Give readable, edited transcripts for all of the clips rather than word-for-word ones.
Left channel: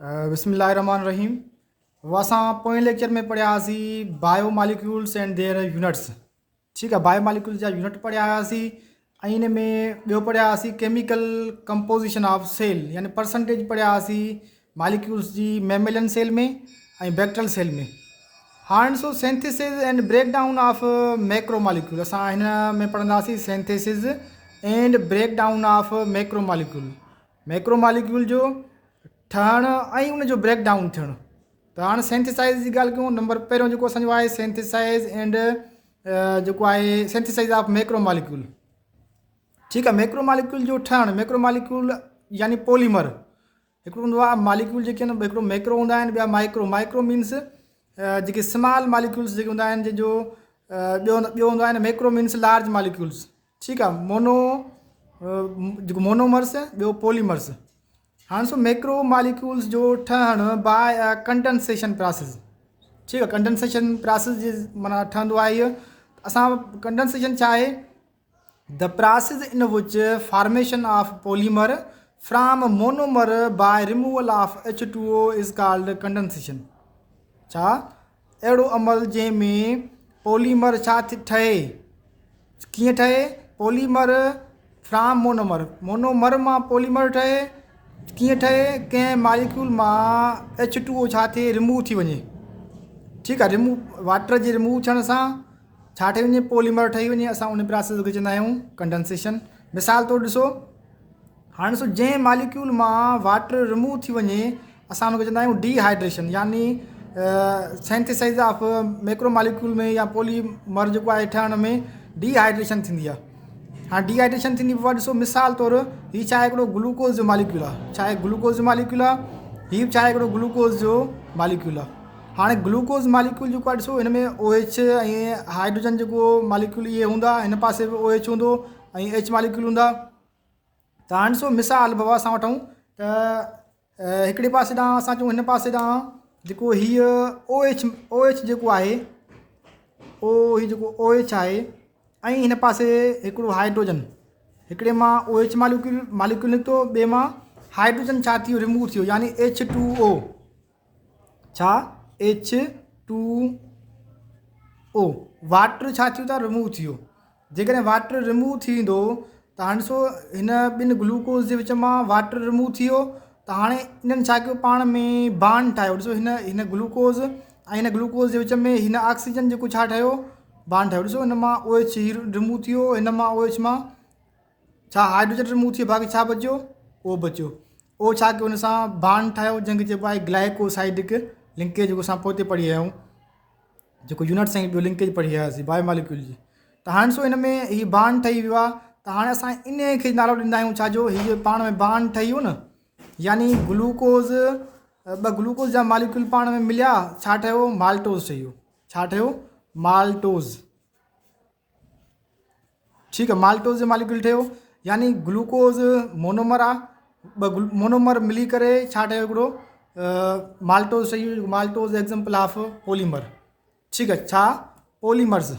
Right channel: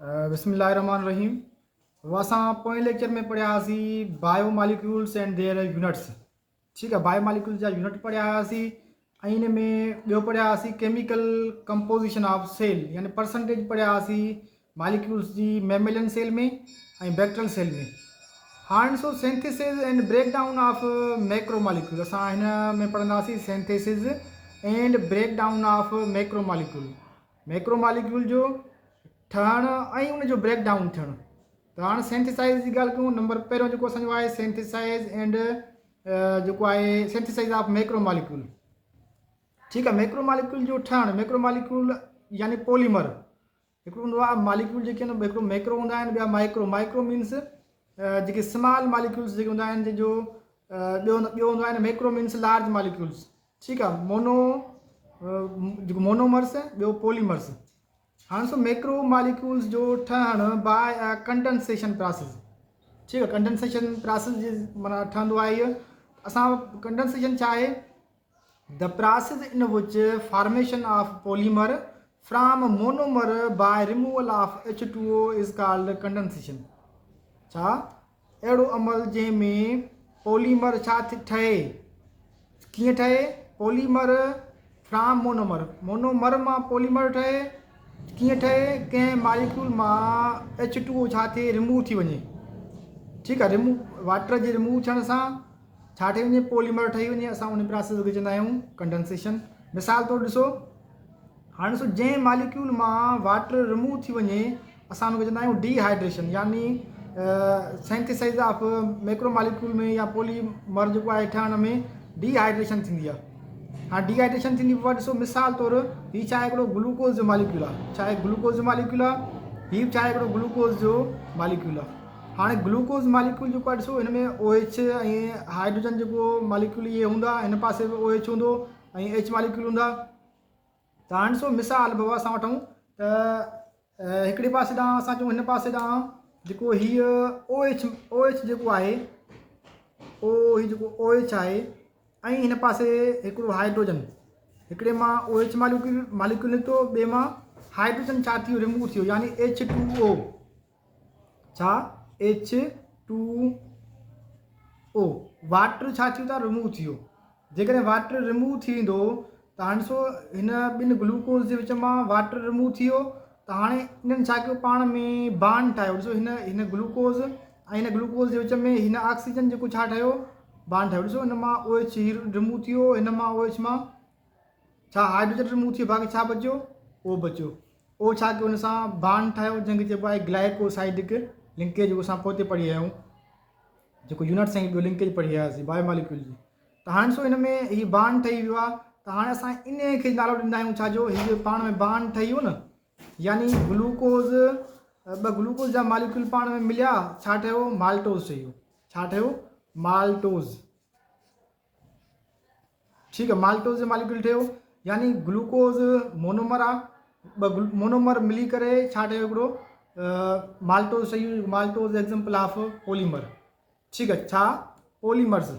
बिस्मिल्लाहिर्रहमानिर्रहीम। वो असां पोएं लेक्चर में पढ़ियासीं biomolecules and their units. ठीक आहे, बायो मालिक्यूल्स जा यूनिट पढ़िया हुआसीं ऐं इन में ॿियो पढ़ियासीं केमिकल कंपोजिशन ऑफ सेल, यानी परसेंटेज पढ़िया हुआसीं मालिक्यूल्स जी मेमेलियन सेल में ऐं बैक्टीरियल सेल में। हाणे ॾिसो synthesis and break down of macro molecule. असां हिन में पढ़ंदासीं synthesis and break down of macro molecule. Macro molecule जो ठहणु ऐं उनजो ब्रेक डाउन थियणु। त हाणे सिंथेसाइज़ जी ॻाल्हि कयूं। नंबर पहिरियों जेको असांजो आहे सिंथेसाइज़ एंड जेको आहे सिंथेसाइज़ ऑफ मैक्रो मालिक्यूल। ठीकु आहे, मैक्रो मालिक्यूल जो ठहणु, मैक्रो मालिक्यूल यानी पॉलीमर। हिकिड़ो हूंदो आहे मालिक्यूल जेके आहिनि, हिकिड़ो मैक्रो हूंदा आहिनि, ॿिया माइक्रो। माइक्रो मीन्स जेके स्मॉल मालिक्यूल्स जेके हूंदा आहिनि, जंहिंजो ॿियो हूंदो आहे मैक्रो मीन्स लार्ज मालिक्यूल्स। ठीकु आहे, जेको मोनोमर्स, ॿियो पॉलीमर्स। हाँ, सो मैक्रो मालिक्यूल्स जो ठहणु बाय कंडेंसेशन प्रोसेस। ठीक है, कंडेंसेशन प्रोसेस जे माना ठहंदो आहे इहो। असां कंडेंसेशन छा आहे? The process in which formation of polymer from monomer by removal of H2O is called condensation. छा? अहिड़ो अमल जंहिंमें पॉलीमर छा ठहे, कीअं ठहे? पॉलीमर फ्रॉम मोनोमर, मोनोमर मां पॉलीमर ठहे। कीअं ठहे? कंहिं मालिक्यूल मां H2O छा थिए, रिमूव थी वञे। ठीकु आहे, रिमूव वाटर जे रिमूव थियण सां छा ठही वञे? पॉलीमर ठही वञे। असां उन प्रोसेस खे चवंदा आहियूं कंडेंसेशन। मिसाल तौरु ॾिसो, हाणे ॾिसो जंहिं मालिक्यूल मां वाटर रिमूव थी वञे असां उनखे चवंदा आहियूं डिहाइड्रेशन, यानी सिंथेसाइज़ ऑफ मैक्रो मालिक्यूल में या पॉलीमर जेको आहे ठहण में डिहाइड्रेशन थींदी आहे। हाँ, डिहाइड्रेशन थींदी पोइ ॾिसो मिसाल तौरु हीअ छा आहे? हिकिड़ो ग्लूकोज़ जो मालिक्यूल आहे। छा आहे? ग्लूकोज़ जो मालिक्यूल आहे। हीअ छा आहे? हिकिड़ो ग्लूकोज़ जो मालिक्यूल आहे। हाणे ग्लूकोज़ मालिक्यूल जेको आहे ॾिसो, हिन में OH ऐं हाइड्रोजन जेको मालिक्यूल इहे हूंदा, हिन पासे बि OH हूंदो ऐं H मालिक्यूल हूंदा। त हाणे ॾिसो मिसाल बाबा असां वठूं त हिकिड़े पासे ॾांहुं असां चऊं, हिन पासे ॾांहुं जेको हीअ OH जेको आहे, हीअ जेको OH आहे ऐं हिन पासे हिकिड़ो हाइड्रोजन। हिकिड़े मां OH मालिक्यूल निकितो, ॿिए मां हाइड्रोजन छा थियो? रिमूव थियो, यानी H2O। छा? H2O। वाटर छा थियो? त रिमूव थियो। जेकॾहिं वाटर रिमूव थींदो त हाणे ॾिसो हिन ॿिनि ग्लूकोज़ जे विच मां वाटर रिमूव थी वियो, त हाणे इन्हनि छा कयो? पाण में बांड ठाहियो। ॾिसो हिन ग्लूकोज़ ऐं हिन ग्लूकोज़ जे विच में हिन ऑक्सीजन जेको छा ठहियो? बांड ठाहियो। ॾिसो हिन मां OH रिमूव थी वियो, हिन मां OH मां छा हाइड्रोजन रिमूव थी वियो, बाक़ी छा बचियो? O बचियो। O छा कयो? हुन सां बांड ठाहियो, जंहिंखे चइबो आहे ग्लाइकोसाइडिक लिंकेज, जेको असां पोइ पढ़ी आया आहियूं, जेको यूनिट्स ऐं ॿियो लिंकेज पढ़ी आयासीं बायो मालिक्यूल जी। त हाणे ॾिसो हिन में हीअ बांड ठही वियो आहे। त हाणे असां इन खे नालो ॾींदा आहियूं छाजो? हीअ पाण में बांड ठही वियो न, यानी ग्लूकोज़, ॿ ग्लूकोज़ जा मालिक्यूल पाण में मिलिया, छा ठहियो? माल्टोज़ ठही वियो। छा ठहियो? माल्टोज़। ठीकु आहे, माल्टोज़ जो मालिक्यूल ठहियो, यानी ग्लूकोज़ मोनोमर आहे, ॿ मोनोमर मिली करे छा ठहियो? हिकिड़ो माल्टोज़ ठही वियो। Maltose example of polymer. ठीकु आहे, छा? पॉलीमर्स।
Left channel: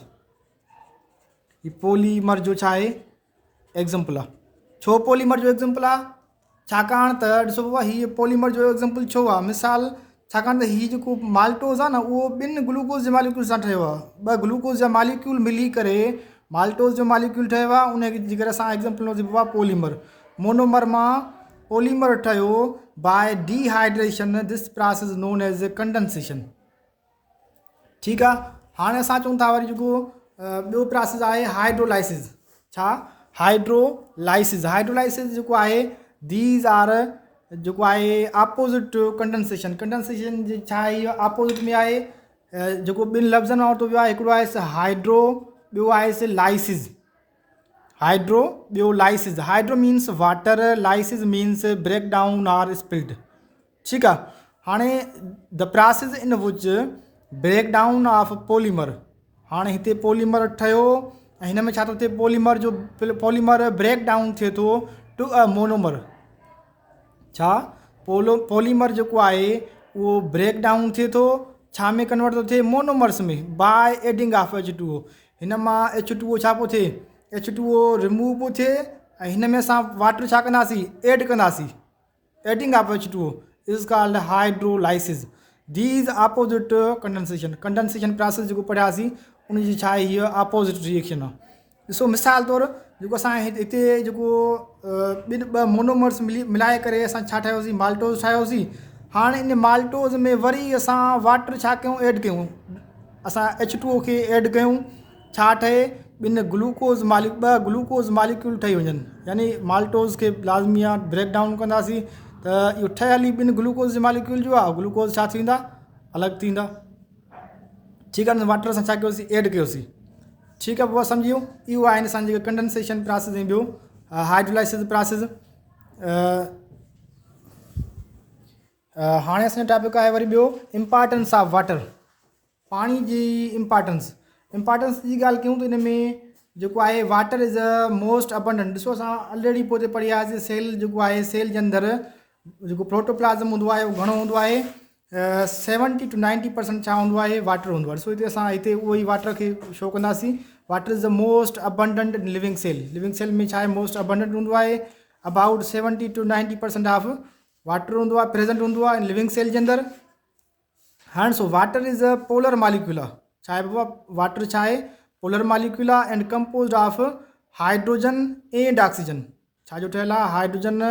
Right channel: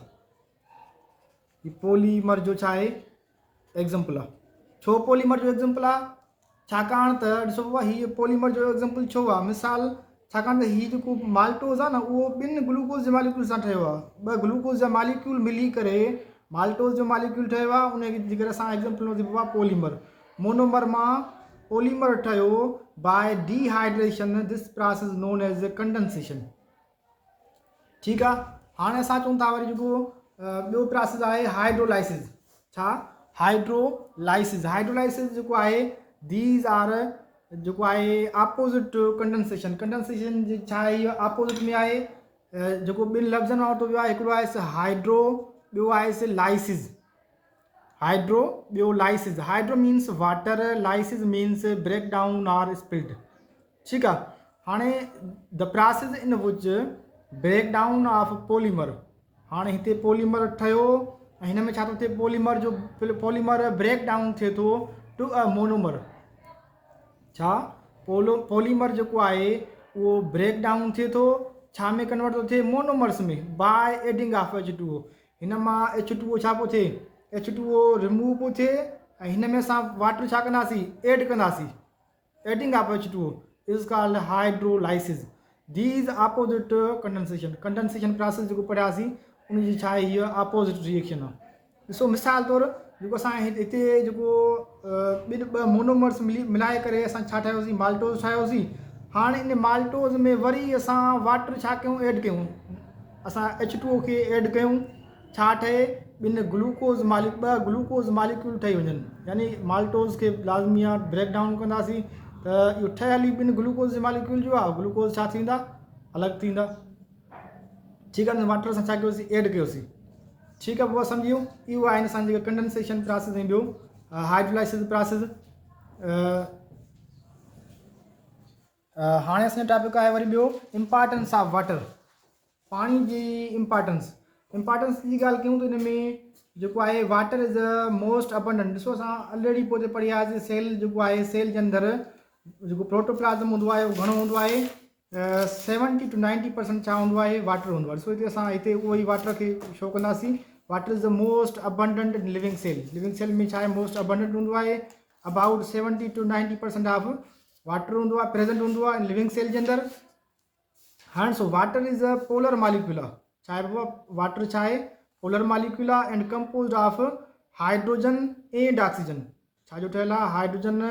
ही पॉलीमर जो छा आहे? एग्जाम्पल आहे। छो पॉलीमर जो एग्जाम्पल आहे? छाकाणि त ॾिसो बाबा, हीअ पॉलीमर जो एग्जाम्पल छो आहे? मिसाल, छाकाणि त हीअ जेको माल्टोज़ आहे न, उहो ॿिनि ग्लूकोज़ जे मालिक्यूल सां ठहियो आहे। ॿ ग्लूकोज़ जा मालिक्यूल मिली करे माल्टोज़ जो मालिक्यूल ठहियो आहे। उनखे जे करे असां एग्जाम्पल वठिबो आहे पॉलीमर। मोनोमर मां पॉलीमर ठहियो by dehydration. This process known as condensation. ठीकु आहे, हाणे असां चऊं था वरी जेको ॿियो प्रोसेस आहे हाइड्रोलाइसिस। छा? हाइड्रोलाइसिस। हाइड्रोलाइसिस जेको आहे, दीज आर जेको आहे अपोजिट टू कंडेंसेशन। कंडेंसेशन जे छा आहे? इहो अपोजिट में आहे। जेको ॿिनि लफ़्ज़नि मां वरितो वियो आहे, हिकिड़ो आहे हाइड्रो, ॿियो आहे लाइसिस। हाइड्रो, ॿियो lysis. Hydro means water, lysis means break down और स्पिल्ड। ठीकु आहे, हाणे the process in which break down of polymer. हाणे हिते पॉलीमर ठहियो ऐं हिन में छा थो थिए? पॉलीमर ब्रेक डाउन थिए थो टू अ मोनोमर। छा? पॉलीमर जेको आहे उहो ब्रेक डाउन थिए थो, छा में कन्वर्ट थो थिए? मोनोमर्स में, बाय एडिंग ऑफ H2O। हिन मां H2O छा पियो थिए? H2O रिमूव पियो थिए ऐं हिन में असां वाटर छा कंदासीं? एड कंदासीं। Adding of H2O। Is called hydrolysis. These opposite condensation process जेको पढ़ियासीं उन जी छा आहे हीअ ऑपोजिट रिएक्शन आहे। ॾिसो मिसाल तौरु जेको असां हिते जेको ॿिनि ॿ मोनोमर्स मिलाए करे असां छा ठाहियोसीं, माल्टोज़ ठाहियोसीं। हाणे इन माल्टोज़ में वरी असां वाटर छा कयूं, ऐड कयूं, असां H2O खे ऐड कयूं, छा ठहे, ॿिनि ॿ ग्लूकोज़ मालिक्यूल ठही वञनि, यानी माल्टोज़ खे लाज़मी आहे ब्रेक डाउन कंदासीं त इहो ठहियल ई ॿिनि ग्लूकोज़ जे मालिक्यूल जो आहे, ग्लूकोज़ छा थींदा, अलॻि थींदा। ठीकु आहे, वाटर असां छा कयोसीं, ऐड कयोसीं। ठीकु आहे, पोइ सम्झी वियो। इहो आहिनि असांजे जेके कंडेंसेशन प्रोसेस ऐं ॿियो हाइड्रोलाइसिस प्रोसेस। हाणे असांजो टॉपिक आहे वरी ॿियो इम्पॉर्टेंस ऑफ वाटर, पाणी जी इम्पॉर्टेंस जी ॻाल्हि कयूं त हिन में जेको आहे water is a most abundant. ॾिसो असां ऑलरेडी पोइ पढ़ी आयासीं, सेल जेको आहे, सेल जे अंदरि जेको प्रोटोप्लाज़म हूंदो आहे उहो घणो हूंदो आहे, 70 to 90% छा हूंदो आहे, वाटर हूंदो आहे। ॾिसो हिते असां हिते उहो ई वाटर खे शो कंदासीं। Water is the most abundant in living cell में छा आहे, मोस्ट अबंडेंट हूंदो आहे। अबाउट 70 to 90% ऑफ वाटर हूंदो आहे, प्रेजेंट हूंदो आहे इन लिविंग सेल जे अंदरि। हाणे so water is a polar molecule आहे, छा आहे बाबा, वाटर छा आहे, पोलर मालिक्यूल आहे and composed of hydrogen and oxygen. छा जो ठहियलु आहे, हाइड्रोजन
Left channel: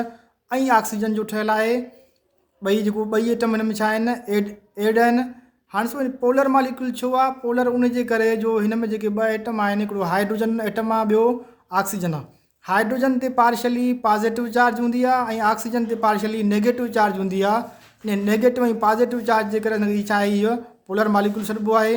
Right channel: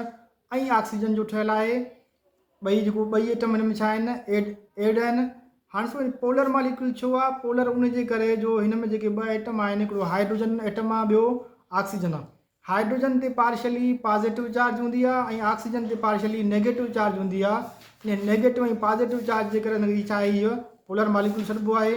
ऐं ऑक्सीजन जो ठहियलु आहे। ॿई एटम हिन में छा आहिनि, एड आहिनि। हाणे सो पोलर मालिक्यूल छो आहे, पोलर उन जे करे जो हिन में जेके ॿ एटम आहिनि, हिकिड़ो हाइड्रोजन एटम आहे, ॿियो ऑक्सीजन आहे। हाइड्रोजन ते पार्शली पॉजिटिव चार्ज हूंदी आहे ऐं ऑक्सीजन ते पार्शली नेगेटिव चार्ज हूंदी आहे। इन नेगेटिव ऐं पॉजिटिव चार्ज जे करे छा आहे, हीअ पोलर मालिक्यूल सॾिबो आहे।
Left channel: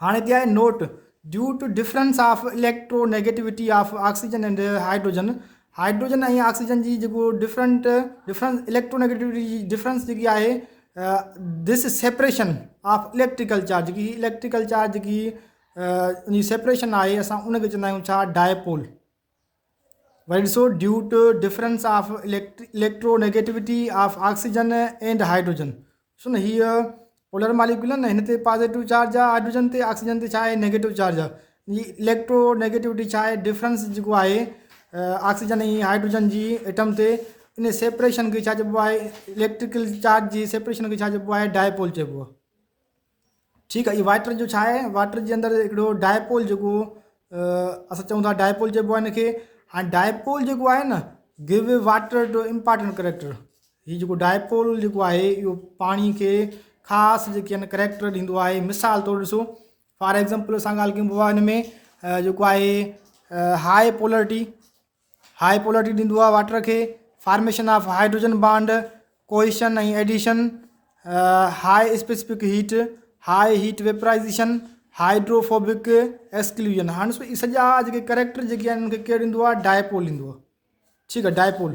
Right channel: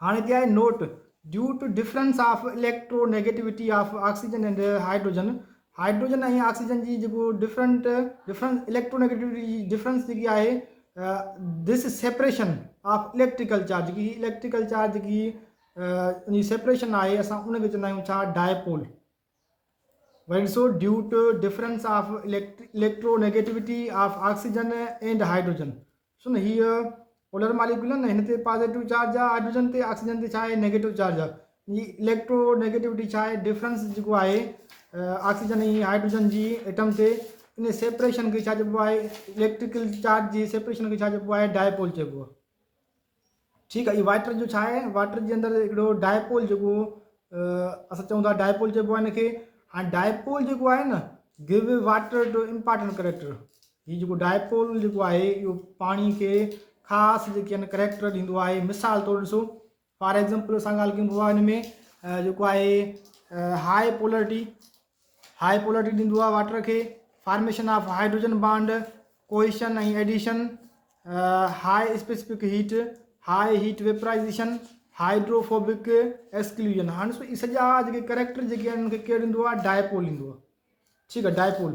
हाणे हिते आहे note, due to difference of electronegativity of oxygen and hydrogen ऐं ऑक्सीजन जी जेको डिफरेंस इलेक्ट्रोनेगेटिविटी जी डिफरेंस जेकी आहे, this separation of electrical charge जेकी उनजी सेपरेशन आहे, असां उनखे चवंदा आहियूं छा, डायपोल। वरी ॾिसो, due to difference of electronegativity of oxygen and hydrogen. So न हीअ पोलर मालिक्यूल आहे न, हिन ते पॉजिटिव चार्ज आहे हाइड्रोजन ते, ऑक्सीजन ते छा आहे, नेगेटिव चार्ज आहे। ही इलेक्ट्रोनेगेटिविटी छा आहे, डिफरेंस जेको आहे ऑक्सीजन ऐं हाइड्रोजन जी एटम ते, इन सेपरेशन खे छा चइबो आहे, इलेक्ट्रिकल चार्ज जी सेपरेशन खे छा चइबो आहे, डायपोल चइबो आहे। ठीकु आहे, इहो वाटर जो छा आहे, वाटर जे अंदरि हिकिड़ो डायपोल जेको असां चऊं था डायपोल चइबो आहे हिनखे। हाणे डायपोल जेको आहे न, give water two important character. हीउ जेको डायपोल जेको आहे, इहो पाणी खे ख़ासि जेके आहिनि करेक्टर ॾींदो आहे। मिसाल तौरु ॾिसो, फॉर एग्ज़ाम्पल असां ॻाल्हि कयूं हिन में जेको आहे हाई पोलरिटी ॾींदो आहे वाटर खे, formation of hydrogen bond, cohesion ऐं adhesion, high specific heat, high heat vaporisation, hydrophobic exclusion. हाणे सॼा जेके करेक्टर जेके आहिनि उनखे केरु ॾींदो आहे, डायपोल ॾींदो आहे। ठीकु आहे, डायपोल।